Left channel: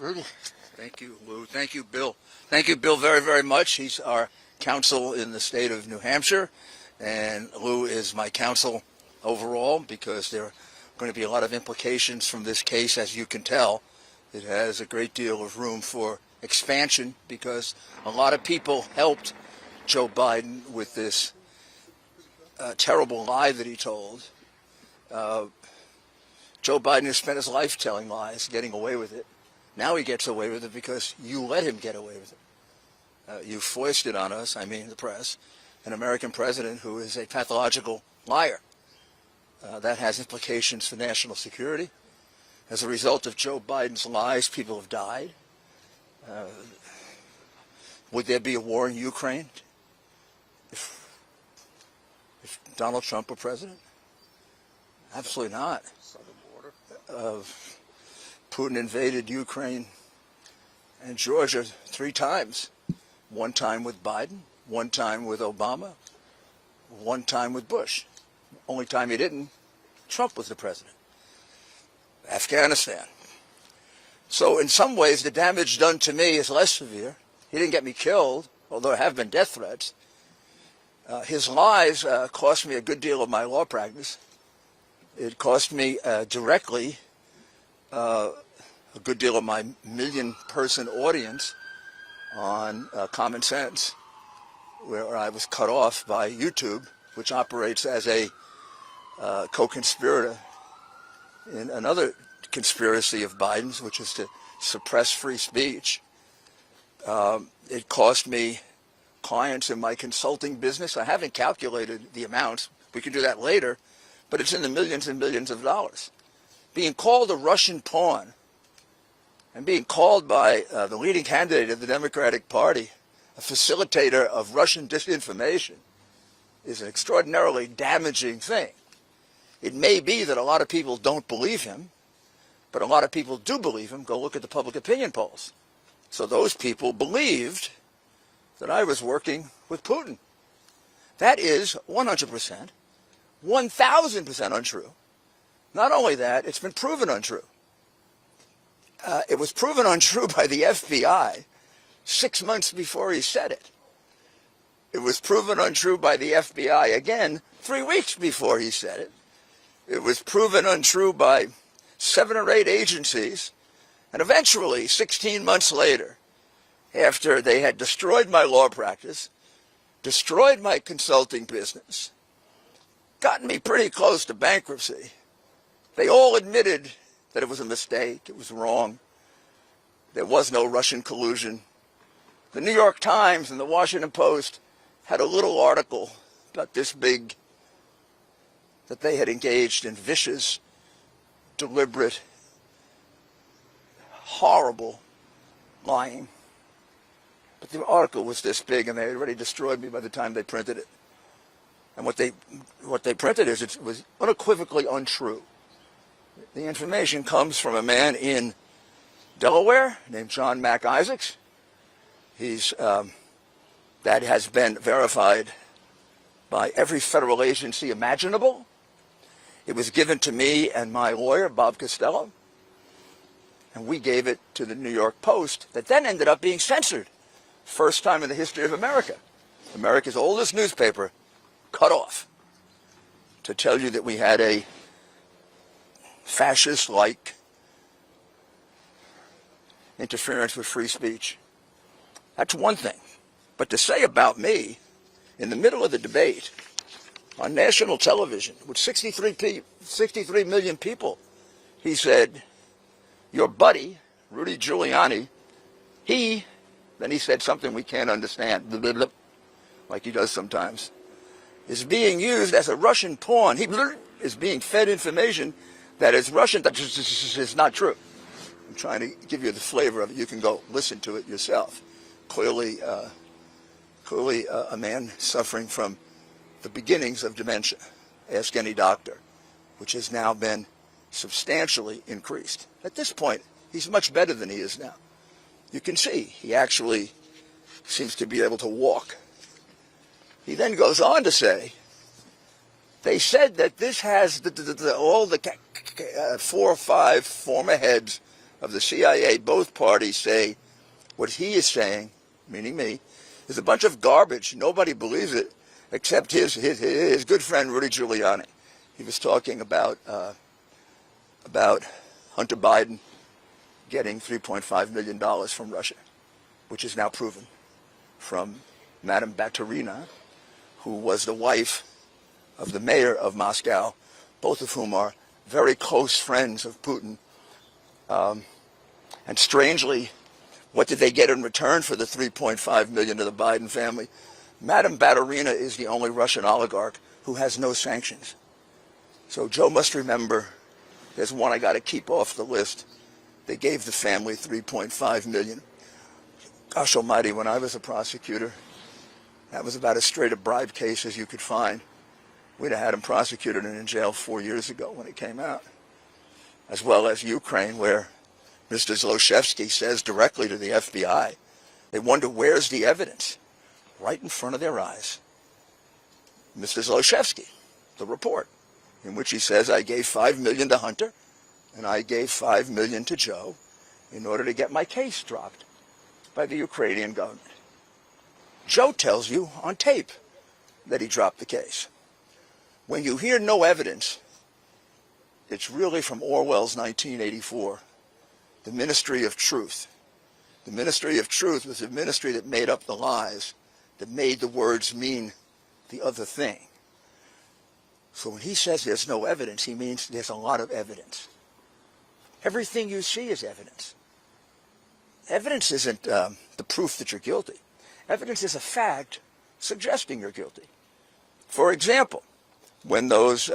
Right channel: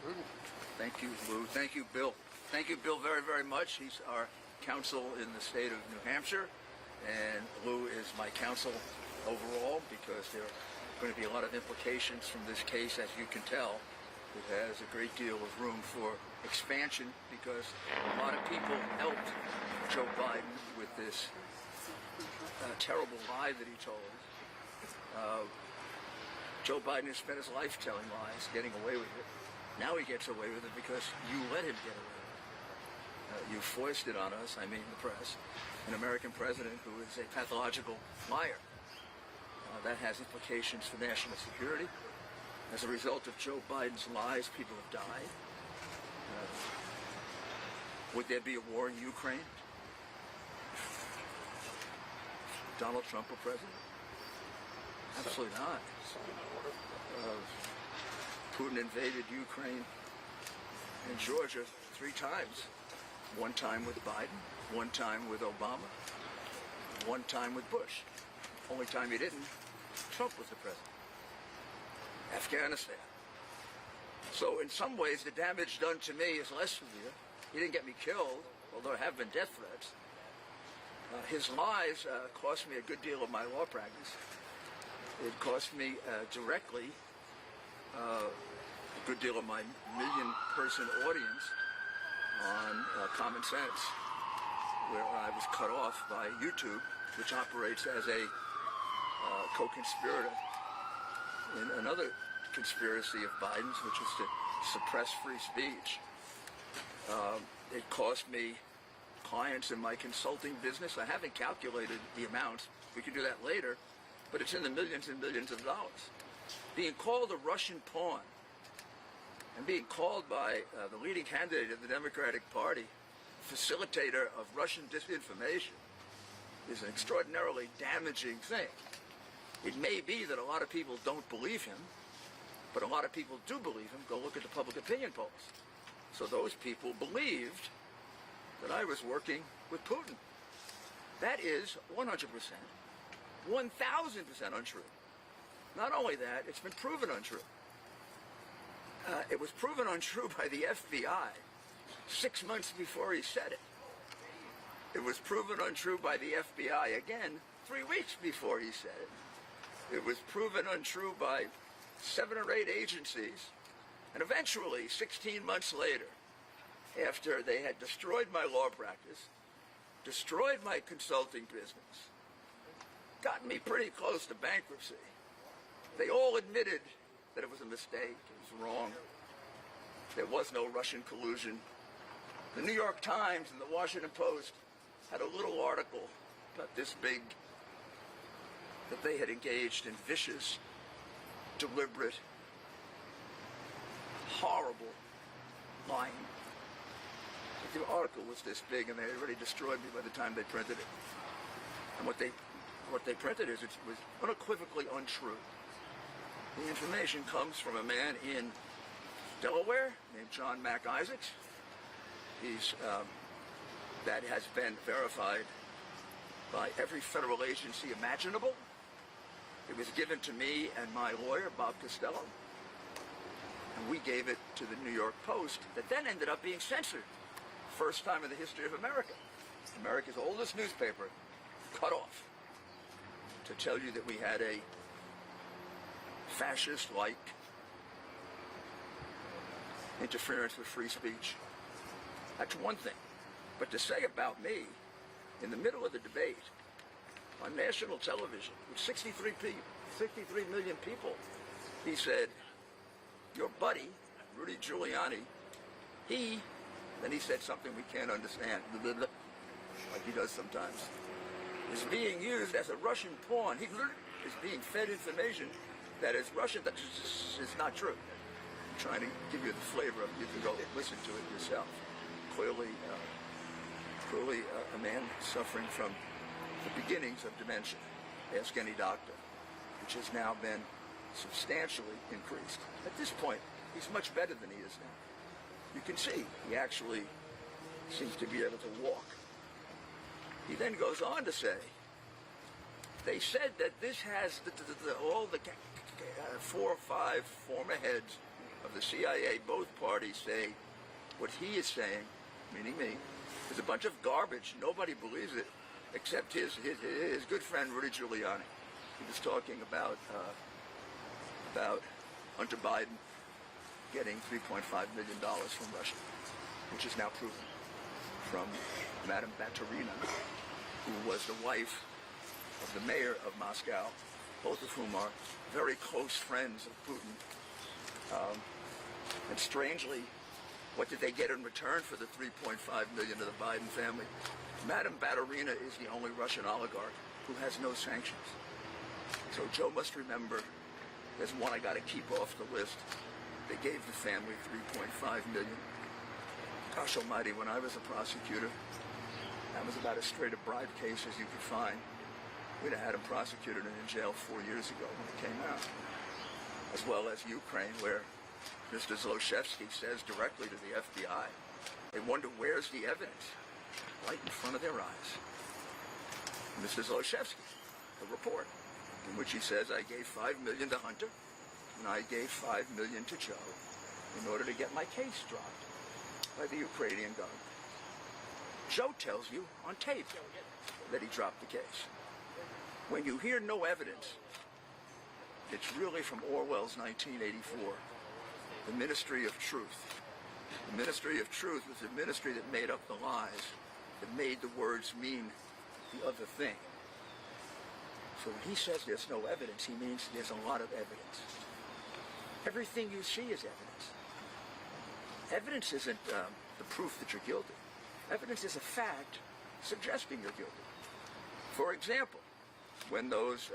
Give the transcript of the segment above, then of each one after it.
Rudy. Thank you, Lou. Thank you, Bill. Thank you, Bill, very, very much. He's our counsel in the state of New Hampshire, and Lou is my counsel overall because there are going to be a lot of implications from this case, as you can tell. It has a great deal of room for expansion because a lot of people helped Joe Biden with this terrible lie that he told. Joe Biden has spent his life telling lies, getting away with it. Now he gets away with it because you let him get away with it. You foisted on us, I mean the press, an American president who is a pathological liar. That has implications for national security. As a result of Joe Biden's lies, people have died. Would there be a war in Ukraine if Donald Trump were president? Absolutely not. Putin invaded Ukraine and Georgia 3 times. One time with Biden, one time with Obama, one time with Bush. Only time he didn't, Trump was the president. Afghanistan. So in some ways, the damage done to me is less severe. He didn't get me killed, although there have been death threats. His lies cost me a good deal of my law practice. It cost me directly a good deal of my million-person audience on Common Sense, where I was cut off by YouTube, which operates as a co-conspirator in another conspiracy of Biden's, which is to suppress free speech. It cost me clients in my consulting business. I haven't calculated the amounts. We can do that later, but it's in the millions and millions of dollars. Being called a Russian pawn and being called by the leading candidate of the Democratic Party a facilitator of Russian disinformation is an extraordinarily damaging thing. It may be that a lot of people don't believe him, but a lot of people do believe him. Go look at the public opinion polls. So those people believed that I was working with Putin. That is 100%, 1,000% untrue. Not only that, it's been proven untrue. It was proven untrue by the FBI 6 months before he said it. It was proven untrue by the FBI again 3 weeks before he said it. It was proven untrue by 7 or 8 agencies. And eventually, 16 months later, after they had destroyed my law practice, destroyed my consulting business, gotten me pretty close to bankruptcy, they all admitted that it was a mistake, it was wrong. There was no Russian collusion. The New York Times and the Washington Post had a little article about this big that they had engaged in vicious, deliberate, horrible lying. But the article was this big, and they had already destroyed me by the time they printed it. And what they printed is it was unequivocally untrue. The information comes from a man in Delaware named John Mac Isaacs. That has been verified by every federal agency imaginable. It was given to me and my lawyer, Bob Costello, and we gave it to the New York Post, that then ended up being censored. First time in the history of America. America's oldest newspaper cut off to tell you that we had a fascist-like interference with free speech. That's one thing. But to say about me, in the middle of the debate, on national television, with 63 million people, he said, your buddy, Rudy Giuliani, then he said something we can't understand, like he does sometimes, is being used as a Russian pawn. He is being fed information that is Russian, that is not true. I'm trying to give you the flavor of it. You can go listen to it yourself. Clearly a man suffering from the beginnings of dementia. Ask any doctor, which has now been substantially increased. At this point, he's much better than he is now. You can see he actually seems to be able to walk. He then goes on to say, they said that this has all the 4 or 5 former heads of the CIA, both parties say what he is saying, meaning me, is a bunch of garbage. Nobody believes it except his good friend Rudy Giuliani. He was talking about Hunter Biden getting $3.5 million from Russia, which is now proven, from Madame Baturina, who was the wife of the mayor of Moscow, both of whom are very close friends of Putin. And strangely, what did they get in return for the $3.5 million to the Biden family? Madame Baturina is the only Russian oligarch who has no sanctions. So Joe must remember, there's one I got to keep off the list. They gave the family $3.5 million. Gosh almighty, when I was a prosecutor, that was about as straight a bribe case as you could find. We'd have had him prosecuted and in jail 4 years ago when it came out. As well as Ukraine, where Mr. Zlochevsky says directly to the FBI, they wonder where's the evidence? Right in front of their eyes. Mr. Zlochevsky, the report, in which he says, I gave $5 million to Hunter, and I gave $5 million to Joe in order to get my case dropped by the Ukrainian government. Joe tells you on tape that he dropped the case. When you hear no evidence, it's really from Orwell's 1984, the Ministry of Truth. The Ministry of Truth was a ministry that made up the lies, that made the words mean the other thing. So when he says there's no evidence, he means there's a lot of evidence. Everything you see is evidence. Evidence isn't the proof that you're guilty. Evidence is a fact suggesting you're guilty. For example, when those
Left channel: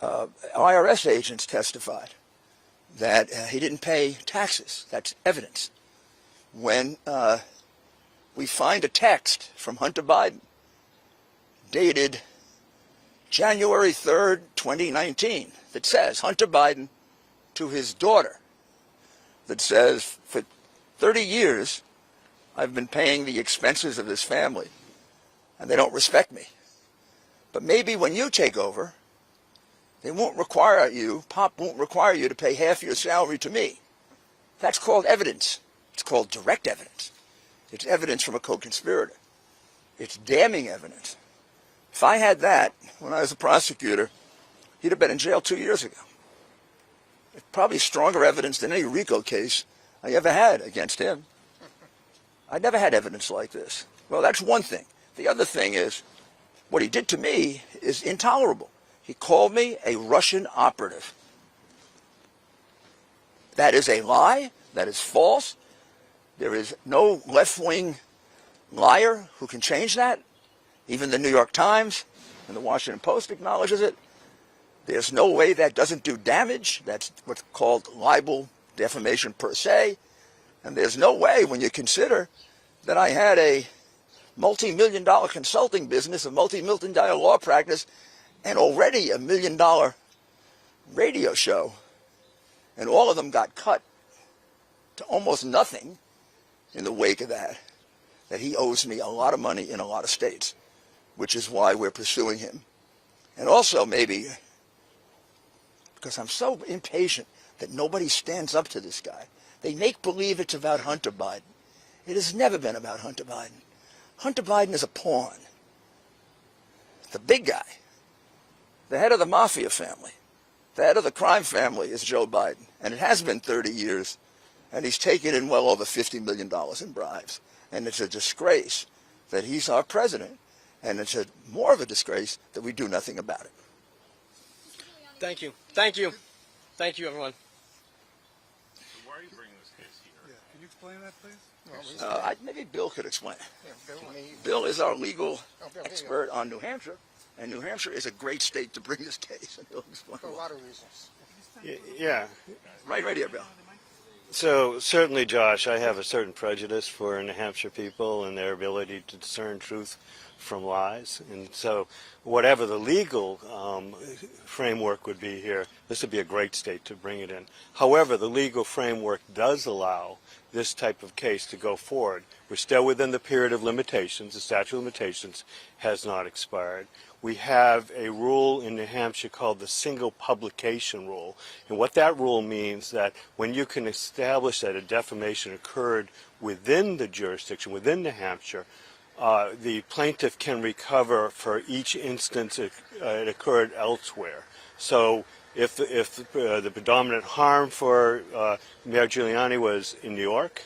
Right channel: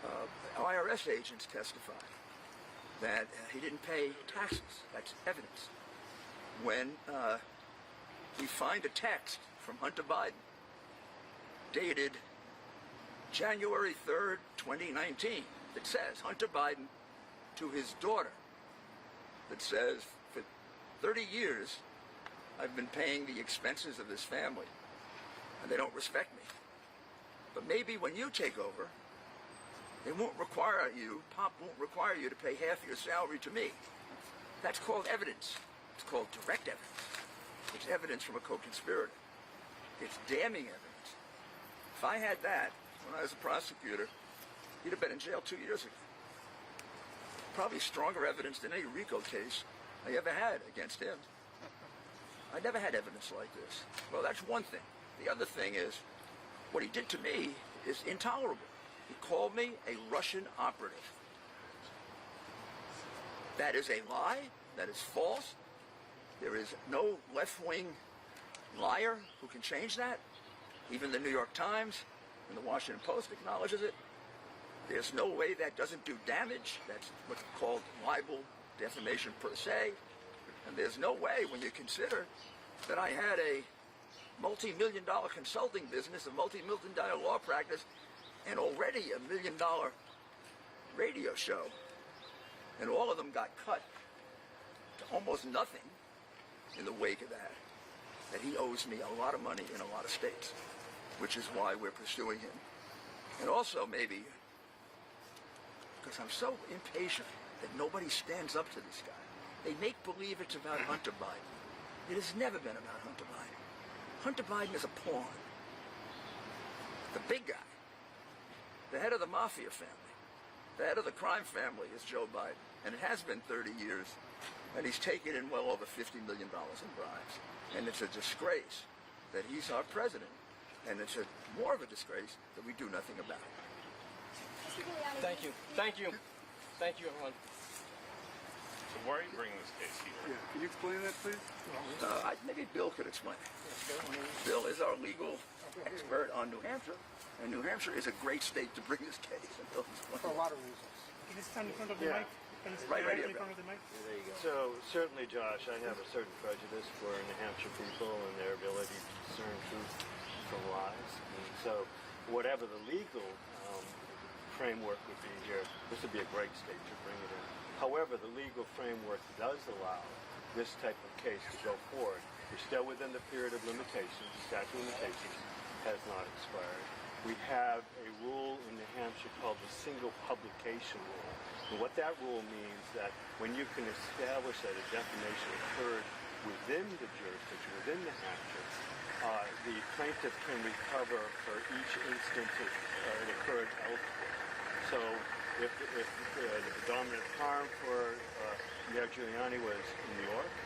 IRS agents testified that he didn't pay taxes, that's evidence. When we find a text from Hunter Biden dated January 3rd, 2019, that says, Hunter Biden to his daughter, that says, for 30 years, I've been paying the expenses of this family, and they don't respect me. But maybe when you take over, they won't require you, Pop won't require you to pay half your salary to me. That's called evidence. It's called direct evidence. It's evidence from a co-conspirator. It's damning evidence. If I had that when I was a prosecutor, he'd have been in jail 2 years ago. It's probably stronger evidence than any RICO case I ever had against him. I never had evidence like this. Well, that's one thing. The other thing is, what he did to me is intolerable. He called me a Russian operative. That is a lie. That is false. There is no left-wing liar who can change that. Even the New York Times and the Washington Post acknowledges it. There's no way that doesn't do damage. That's what's called libel, defamation per se. And there's no way, when you consider that I had a multi-million-dollar consulting business, a multi-million-dollar law practice, and already $1 million radio show, and all of them got cut to almost nothing in the wake of that, that he owes me a lot of money in a lot of states, which is why we're pursuing him. And also maybe because I'm so impatient that nobody stands up to this guy. They make believe it's about Hunter Biden. It has never been about Hunter Biden. Hunter Biden is a pawn. The big guy, the head of the mafia family, the head of the crime family is Joe Biden. And it has been 30 years. And he's taken in well over $50 million in bribes. And it's a disgrace that he's our president. And it's more of a disgrace that we do nothing about it. Thank you. Thank you. Thank you, everyone. So why are you bringing this case here? Yeah, can you explain that, please? Maybe Bill could explain. Bill is our legal expert on New Hampshire. And New Hampshire is a great state to bring this case. And Bill explain. For a lot of reasons. Yeah. Right here, Bill. So certainly, Josh, I have a certain prejudice for New Hampshire people and their ability to discern truth from lies. And so whatever the legal framework would be here, this would be a great state to bring it in. However, the legal framework does allow this type of case to go forward. We're still within the period of limitations. The statute of limitations has not expired. we have a rule in New Hampshire called the single publication rule. And what that rule means that when you can establish that a defamation occurred within the jurisdiction, within New Hampshire, the plaintiff can recover for each instance it occurred elsewhere. So if the predominant harm for Mayor Giuliani was in New York,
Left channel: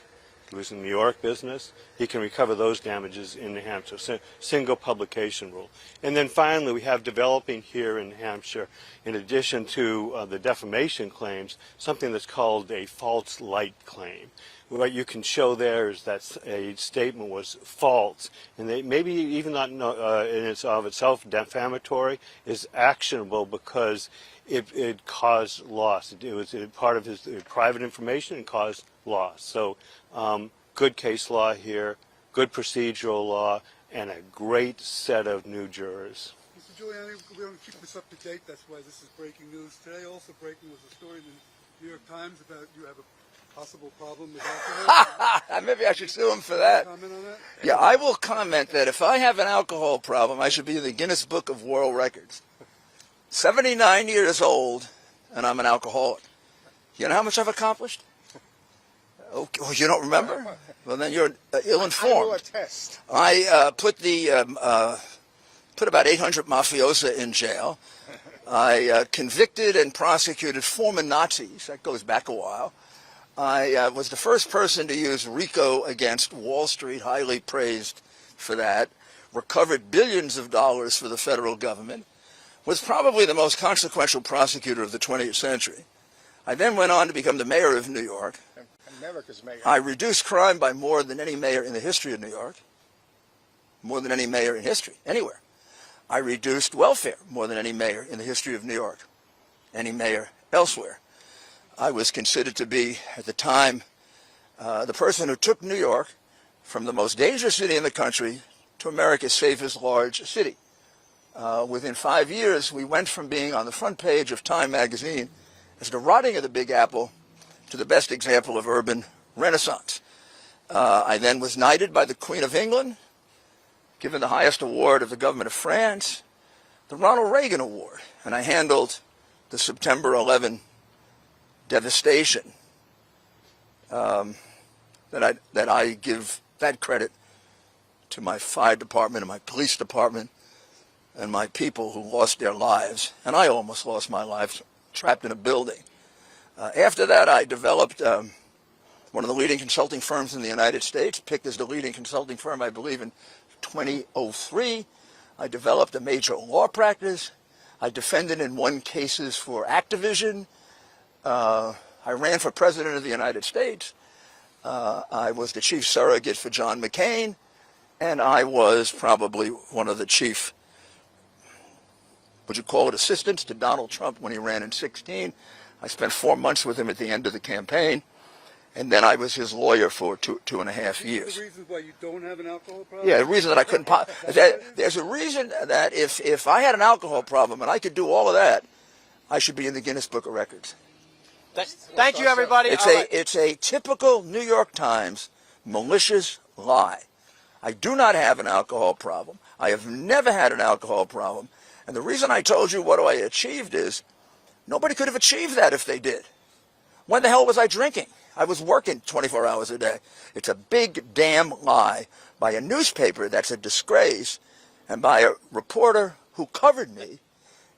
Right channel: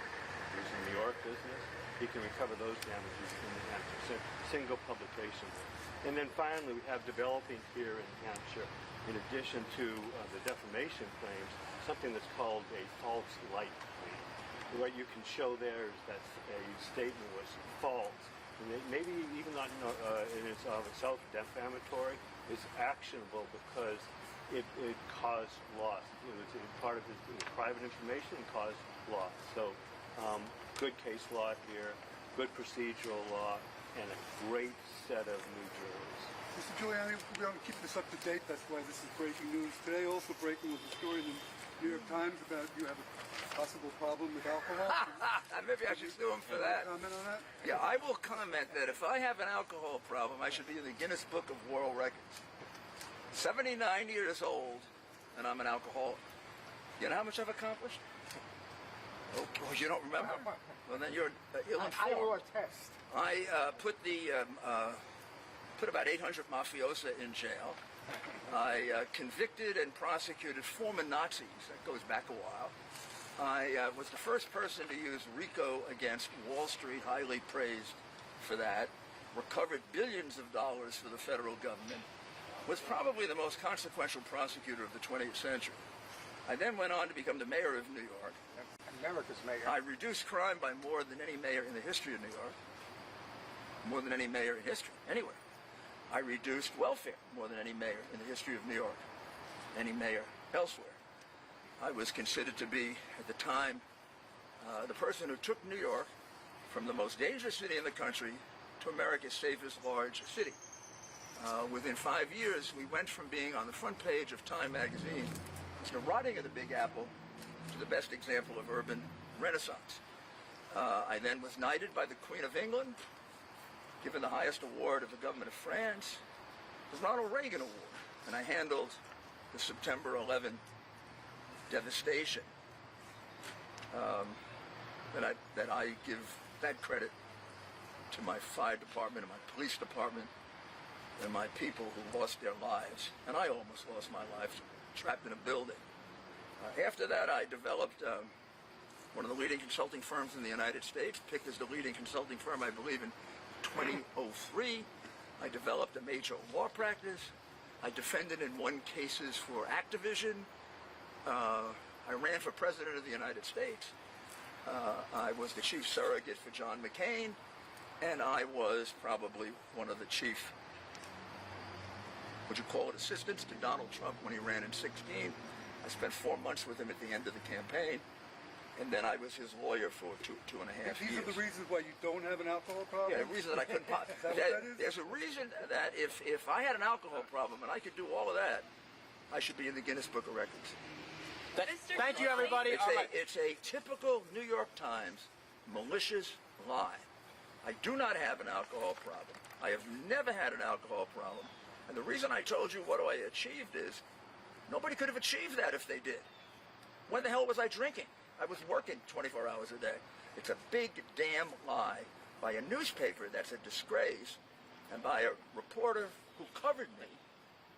it was in New York business, he can recover those damages in New Hampshire. So, single publication rule. And then finally, we have developing here in New Hampshire, in addition to the defamation claims, something that's called a false light claim. What you can show there is that a statement was false, and they maybe even not in of itself defamatory, is actionable because it caused loss. It was part of his private information and caused loss. So good case law here, good procedural law, and a great set of new jurors. Mr. Giuliani, we're going to keep this up to date. That's why this is breaking news. Today also breaking was a story in the New York Times about you have a possible problem with alcohol. Maybe I should sue him for that. Comment on that? Yeah, I will comment that if I have an alcohol problem, I should be in the Guinness Book of World Records. 79 years old, and I'm an alcoholic. You know how much I've accomplished? Okay, well, you don't remember? Well, then you're ill-informed. I will attest. I put about 800 mafiosa in jail. I convicted and prosecuted former Nazis. That goes back a while. I was the first person to use RICO against Wall Street, highly praised for that. Recovered billions of dollars for the federal government. Was probably the most consequential prosecutor of the 20th century. I then went on to become the mayor of New York. America's mayor. I reduced crime by more than any mayor in the history of New York. More than any mayor in history, anywhere. I reduced welfare more than any mayor in the history of New York, any mayor elsewhere. I was considered to be, at the time, the person who took New York from the most dangerous city in the country to America's safest large city. Within 5 years, we went from being on the front page of Time magazine as the rotting of the Big Apple to the best example of urban renaissance. I then was knighted by the Queen of England, given the highest award of the government of France, the Ronald Reagan Award, and I handled the September 11 devastation. That I give that credit to my fire department and my police department and my people who lost their lives, and I almost lost my life trapped in a building. After that, I developed one of the leading consulting firms in the United States, picked as the leading consulting firm, I believe, in 2003. I developed a major law practice. I defended and won cases for Activision. I ran for president of the United States. I was the chief surrogate for John McCain, and I was probably one of the chief, would you call it, assistants to Donald Trump when he ran in 2016. I spent 4 months with him at the end of the campaign, and then I was his lawyer for two and a half years. The reason why you don't have an alcohol problem? Yeah, the reason that I couldn't. There's a reason that if I had an alcohol problem and I could do all of that, I should be in the Guinness Book of Records. Thank you, everybody. It's a typical New York Times malicious lie. I do not have an alcohol problem. I have never had an alcohol problem. And the reason I told you what I achieved is nobody could have achieved that if they did. When the hell was I drinking? I was working 24 hours a day. It's a big damn lie by a newspaper that's a disgrace, and by a reporter who covered me,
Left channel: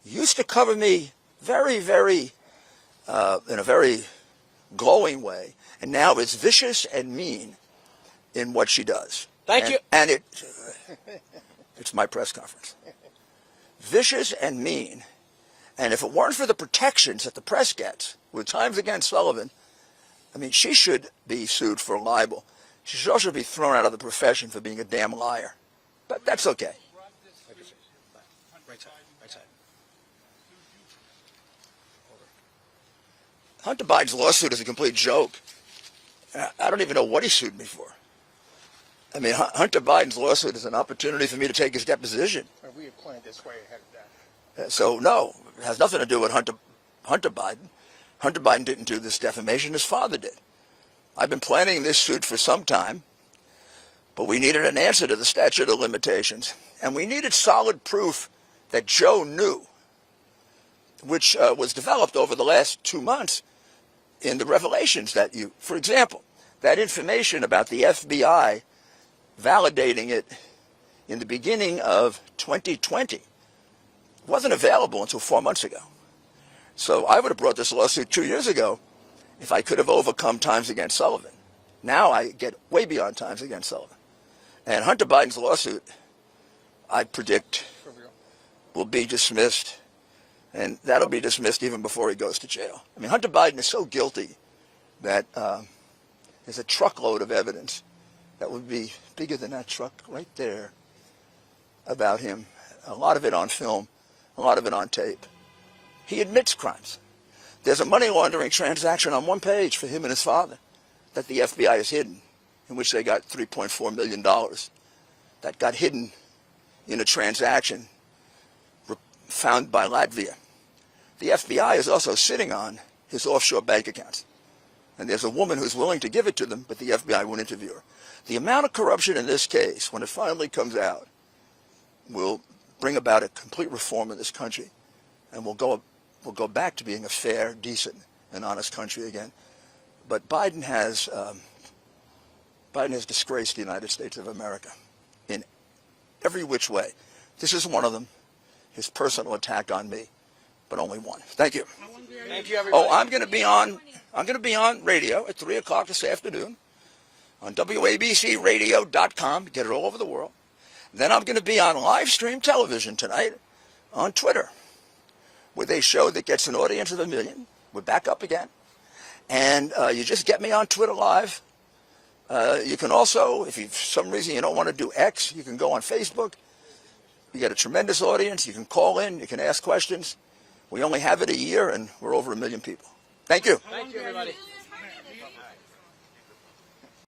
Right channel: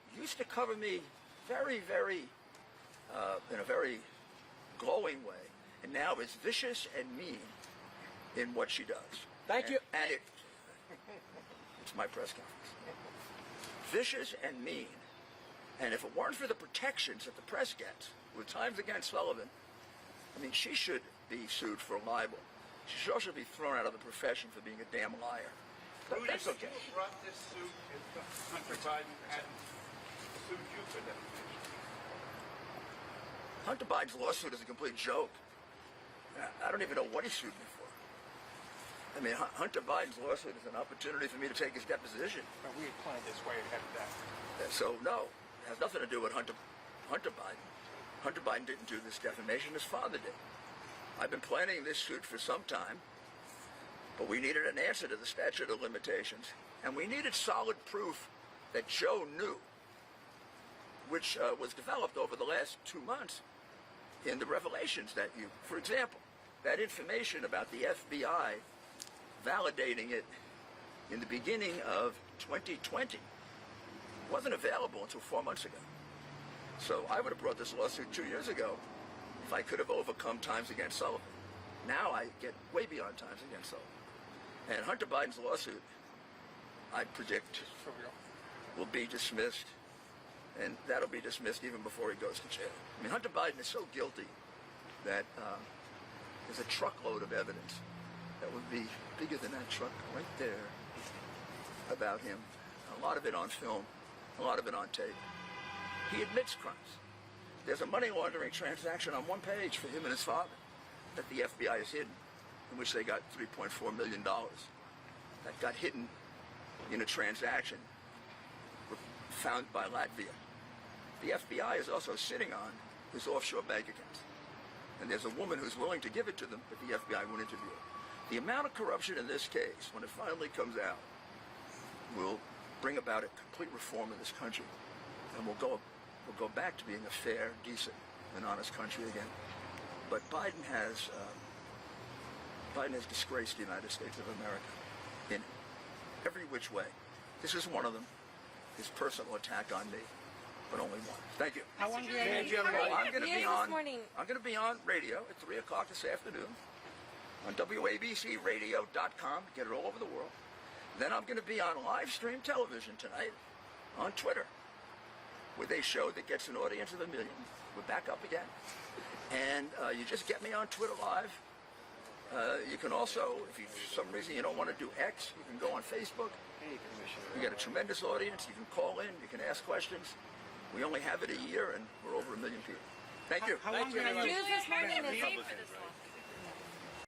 used to cover me very, very, in a very glowing way, and now is vicious and mean in what she does. Thank you. And it's my press conference. Vicious and mean. And if it weren't for the protections that the press gets with Times Against Sullivan, I mean, she should be sued for libel. She should also be thrown out of the profession for being a damn liar. But that's okay. Brought this suit if Hunter Biden hadn't sued you for that. Hunter Biden's lawsuit is a complete joke. I don't even know what he sued me for. I mean, Hunter Biden's lawsuit is an opportunity for me to take his deposition. Well, we had planned this way ahead of that. So, no, it has nothing to do with Hunter Biden. Hunter Biden didn't do this defamation. His father did. I've been planning this suit for some time, but we needed an answer to the statute of limitations, and we needed solid proof that Joe knew, which was developed over the last 2 months in the revelations that you, for example, that information about the FBI validating it in the beginning of 2020 wasn't available until 4 months ago. So I would have brought this lawsuit 2 years ago if I could have overcome times against Sullivan. Now I get way beyond times against Sullivan. And Hunter Biden's lawsuit, I predict, will be dismissed, and that'll be dismissed even before he goes to jail. I mean, Hunter Biden is so guilty that there's a truckload of evidence that would be bigger than that truck right there about him. A lot of it on film, a lot of it on tape. He admits crimes. There's a money laundering transaction on one page for him and his father that the FBI has hidden, in which they got $3.4 million. That got hidden in a transaction found by Latvia. The FBI is also sitting on his offshore bank accounts. And there's a woman who's willing to give it to them, but the FBI won't interview her. The amount of corruption in this case, when it finally comes out, will bring about a complete reform in this country. And we'll go back to being a fair, decent, and honest country again. But Biden has disgraced the United States of America in every which way. This is one of them, his personal attack on me, but only one. Thank you. Thank you, everybody. Oh, I'm going to be on radio at 3 o'clock this afternoon on WABCRadio.com. Get it all over the world. Then I'm going to be on live stream television tonight on Twitter with a show that gets an audience of 1 million. We're back up again. And you just get me on Twitter Live. You can also, if for some reason you don't want to do X, you can go on Facebook. You get a tremendous audience. You can call in. You can ask questions. We only have it a year, and we're over 1 million people. Thank you. Thank you, everybody.